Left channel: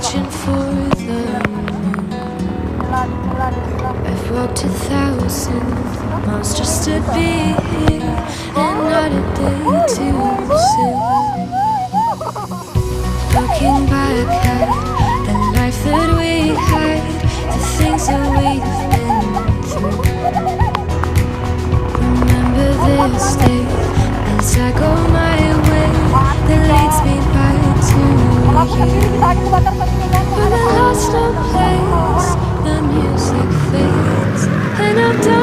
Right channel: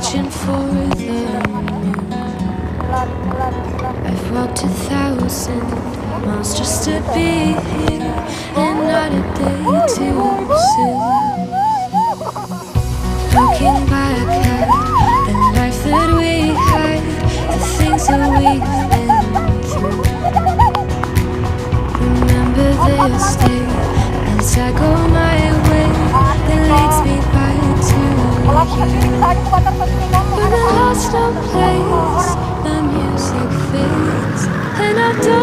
reaching for the moon. I've walked 1,000 miles just to be here, and not a day too soon. Looking back at the life that we had, the things that we've been through. Remember this day as I go my way that leads me back to you. When the lost no place, the music fades, and I'm done.